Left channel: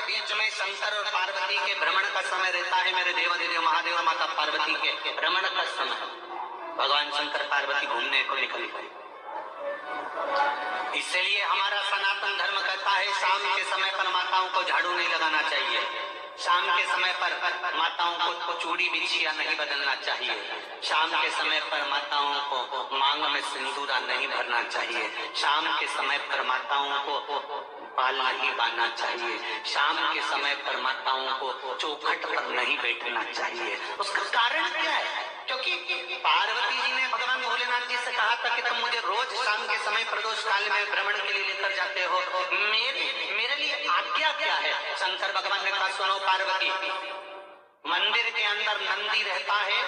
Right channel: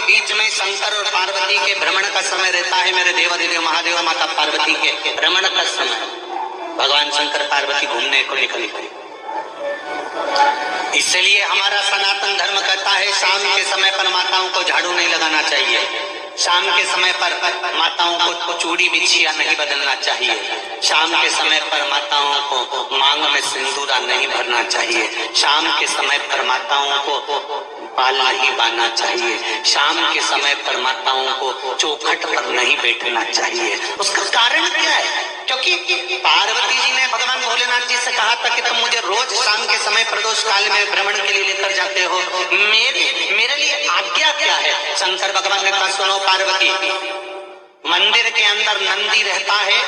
के बीच में शंकर और पार्वती के भ्रमण का समय रहता है। मेरे देवाधिदेव महादेव माता पार्वती के भ्रमण का समय, भगवान शंकर पार्वती घूमने को निकल गए। इसलिए हमारा सनातन धर्म कहता है शाम के समय पर माताओं को झाड़ू नहीं लगाना चाहिए, शाम के समय पर माताओं को चूड़ी बिछिया नहीं बदलना चाहिए, शाम के समय पर माताओं को मांग में सिंदूरा नहीं भरना चाहिए, शाम के समय पर माताओं को बाल नहीं बांधना चाहिए, शाम के समय पर माताओं को चौखट पर नहीं बैठना चाहिए। उसका कारण क्या है? क्योंकि पार्वती जी ने भगवान भोलेनाथ जी से कहा था कि तुम मुझे रोज शाम के समय प्रदोष काल में भ्रमण के लिए लेकर जाते हो, मेरे लिए आज्ञा क्या है? शंकर भगवान ने कहा सुनो पार्वती, मंदिर के अंदर नंदी रहता है,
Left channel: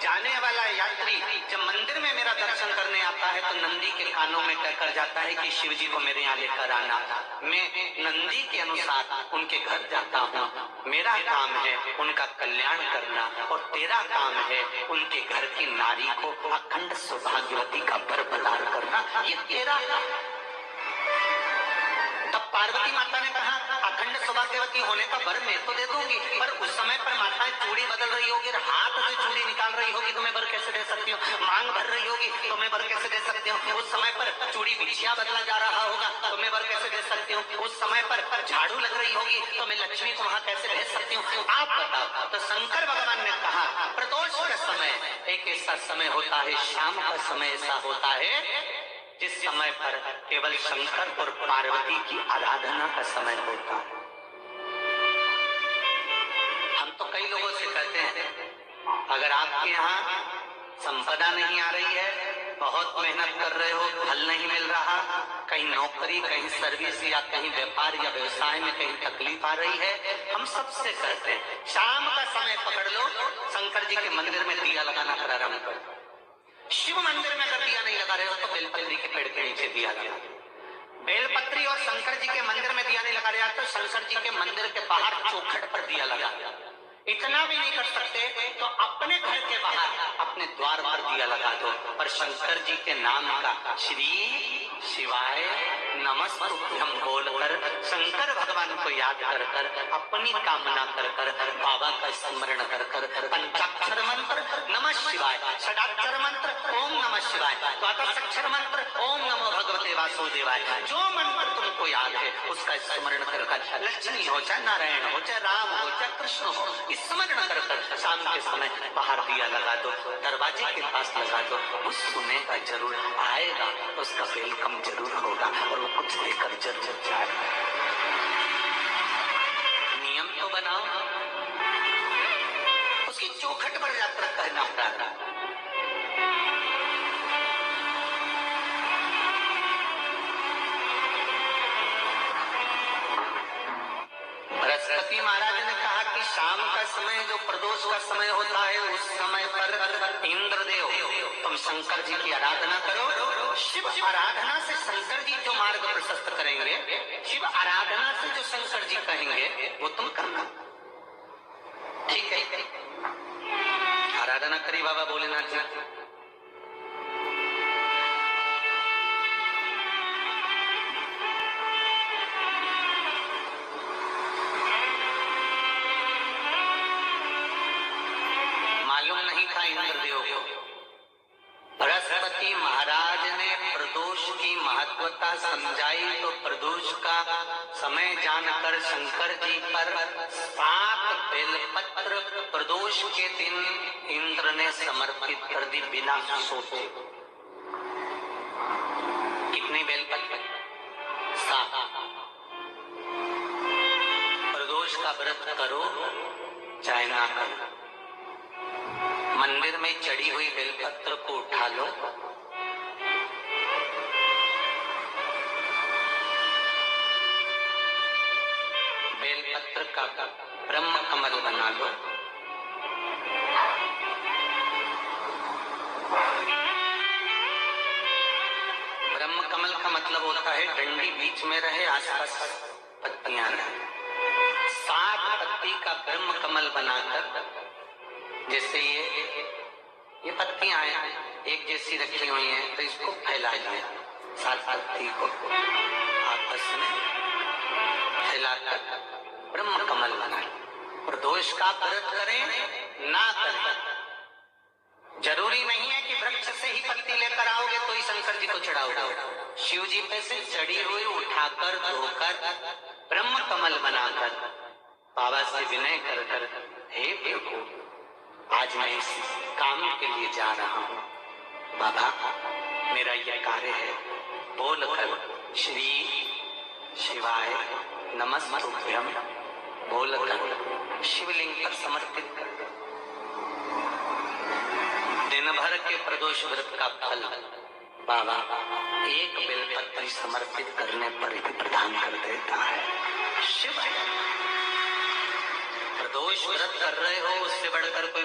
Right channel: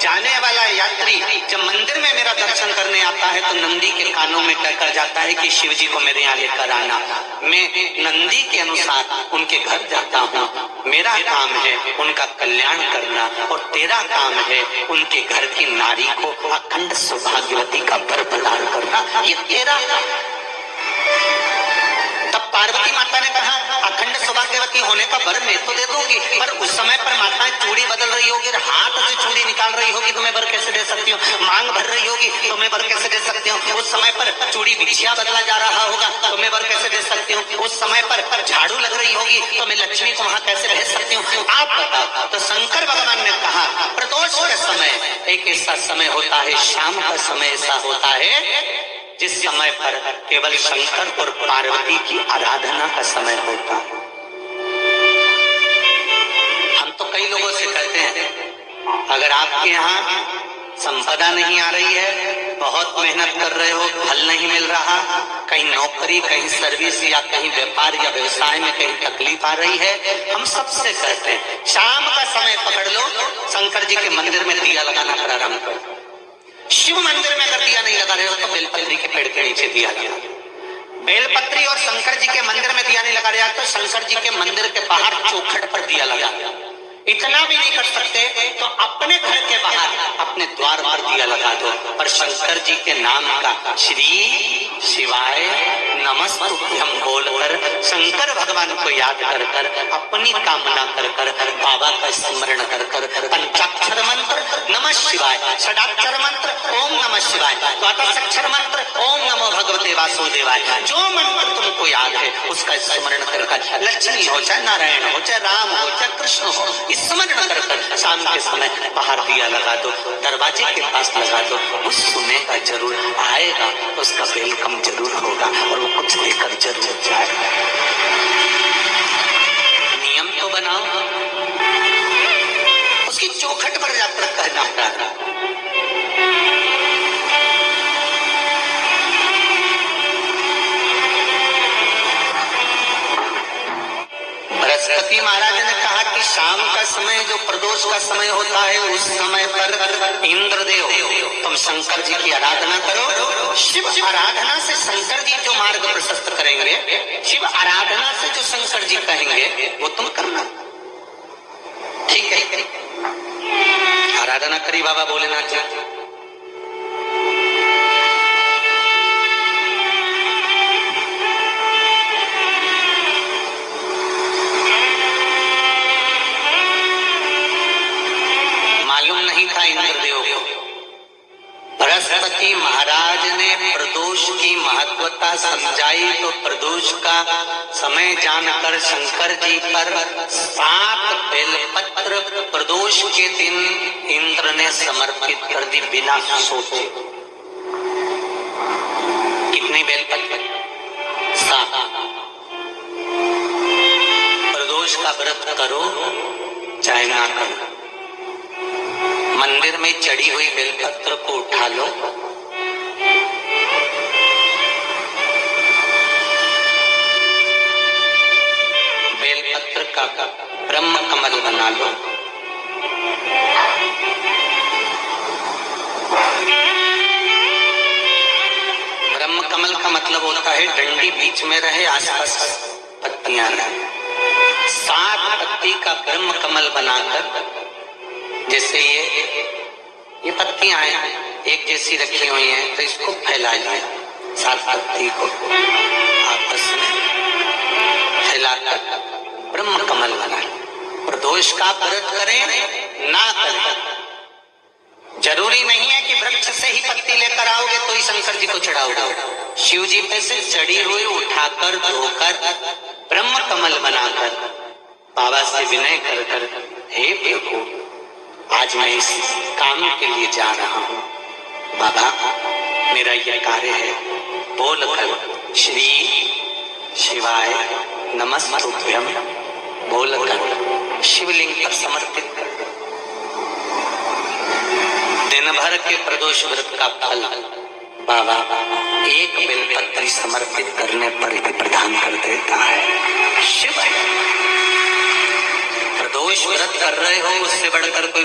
जाने वाला यात्री जब मंदिर में मेरा दर्शन करने आता है तो नंदी के कानों में कहकर जाता है कि शिव जी को मेरे यहाँ लेकर आना। मैं नंदी के अनुसार उनके घर जाता हूँ, मेरा काम है उनका कल्याण करना और तेरा काम है उनके घर की नारी को अखंड सौभाग्यवती का वर प्रदान करना, ये तेरा। तब पार्वती माता ने कहा अखंड सौभाग्यवती होने का वर मैं तो दे दूंगी, पर उस समय पर माता चूड़ी बदल रही होगी, हाथ से चूड़ी निकाल रही होगी तो मैं वर कैसे दे सकती हूँ? मांग भर रही होगी तो मैं वर कैसे दे सकती हूँ? उस समय पर चूड़ी बिछिया बदला जा रहा होगा तो मैं वर कैसे दे सकती हूँ? उस समय पर झाड़ू लग रही होगी तो मैं लक्ष्मी को वहां कैसे भेज सकती हूँ? आप बताओ। तो शंकर भगवान ने कहा प्रदोष का समय एक ऐसा समय होता है, शाम का समय ऐसा होता है जिस समय पर केवल शंकर और पार्वती की आराधना का समय होता है। हम तो कई लोगों से कहते हैं अगर आपके यहाँ संपदा नहीं आ रही है, बहुत मेहनत कर रहे हो, फल नहीं मिल रहा, कहीं नौकरी, कहीं सर्विस या कहीं व्यापार या व्यवसाय में कहीं तकलीफ आ रही है, हम सबसे कहते हैं शाम का समय पकड़ लो, शंकर जी के मंदिर में दिया लगाना प्रारंभ करो। शिव मंदिर में अगर दिया नहीं लगा रहे हो तो बेलपत्री के पेड़ के नीचे दिया लगा। बेलपत्री और शंकर जी के मंदिर में दिया नहीं लगा रहा तो शंकर जी के मंदिर के बाहर चौखट पर दिया लगा। इतना भी नहीं कर सकते तो अपने घर के बाहर अपने द्वार पर दिया लगा दो, पर शंकर जी के नाम का श्री शिवाय नमस्तुभ्यं बोलकर शंकर भगवान को याद कर कर अपनी कामना कर कर बाबा का स्मरण कर कर पंचाक्षर मंत्र नमः शिवाय, षडाक्षर मंत्र ओम नमः शिवाय, द्वादशाक्षर मंत्र ओम नमो भगवते वासुदेवाय, जो मंत्र तुमको याद है उसका स्मरण कर कर लक्ष्मी हो चाहे नारायण हो चाहे राम हो चाहे कृष्ण हो, स्मरण कर कर शाम के समय बाहर दिया लगा दो, दरवाजे के पास लगा दो, उस सुनेगा जरूर, आएगा उसका वेलकम जरूर होगा और वो कुछ लेकर जरूर जाएगा। नियम तो बनाओ, उसकी चौखट पर यात्रा करना पड़ा। बृहस्पति महाराज ने कहा कि शाम का समय जो प्रदोष का समय होता है उस समय पर इंद्रदेव तुम शंकर जी की आराधना करो। शिव आराधना से शंकर जी जो मार्ग प्रशस्त करेंगे, शिव आराधना से जो शंकर जी कहेंगे वो तुम करना, ठीक है? आराधना करी बाबा भोलेनाथ जी। बृहस्पति महाराज ने प्रदोष की महत्वता समझाई तो प्रदोष का समय जानकर शंकर जी पर 7 बेलपत्र प्रदोष के दिन इंद्र ने समर्पित कर दी बिना सोचे। कितने बेलपत्र? 7। प्रदोष का व्रत करो चाहे ना करो, मंदिर में चढ़ी हुई बेलपत्र को उठा लो, बेलपत्र का ब्रह्म कमल बना लो, ब्रह्म कमल का मतलब होता है डंडी बीच में रहे, आसपास पत्तियां रहे। 7 पत्ती का ब्रह्म कमल बनाकर, जैसे ये पत्तियां हैं एक जैसी रखी हुई हैं तो इसको फैलाइए, 7 पत्ती को आपस में फैलाकर पुरुष का व्रत करें ना करें, जरूरी नहीं है कि वृक्ष से ही पत्ती लेकर आओगे तो ही शंकर जी को चढ़ाओगे। शिव जी पे से चढ़ी हुई उठाकर धोकर ब्रह्म कमल बनाकर बाबा से विनय कर कर, हे प्रभु आज मैं इस काम के लिए जा रहा हूँ, बाबा मेरा यह कार्य है, बोल कर श्री शिवाय नमस्तुभ्यम बोल कर शिवलिंग पर समर्पित कर दो। दिन भर के प्रदोष व्रत का फल बाबा एक बेलपत्री समर्पित करने पर ही प्रदान कर देता है। शिव प्रदोष व्रत कर रहे हो उससे बढ़कर कोई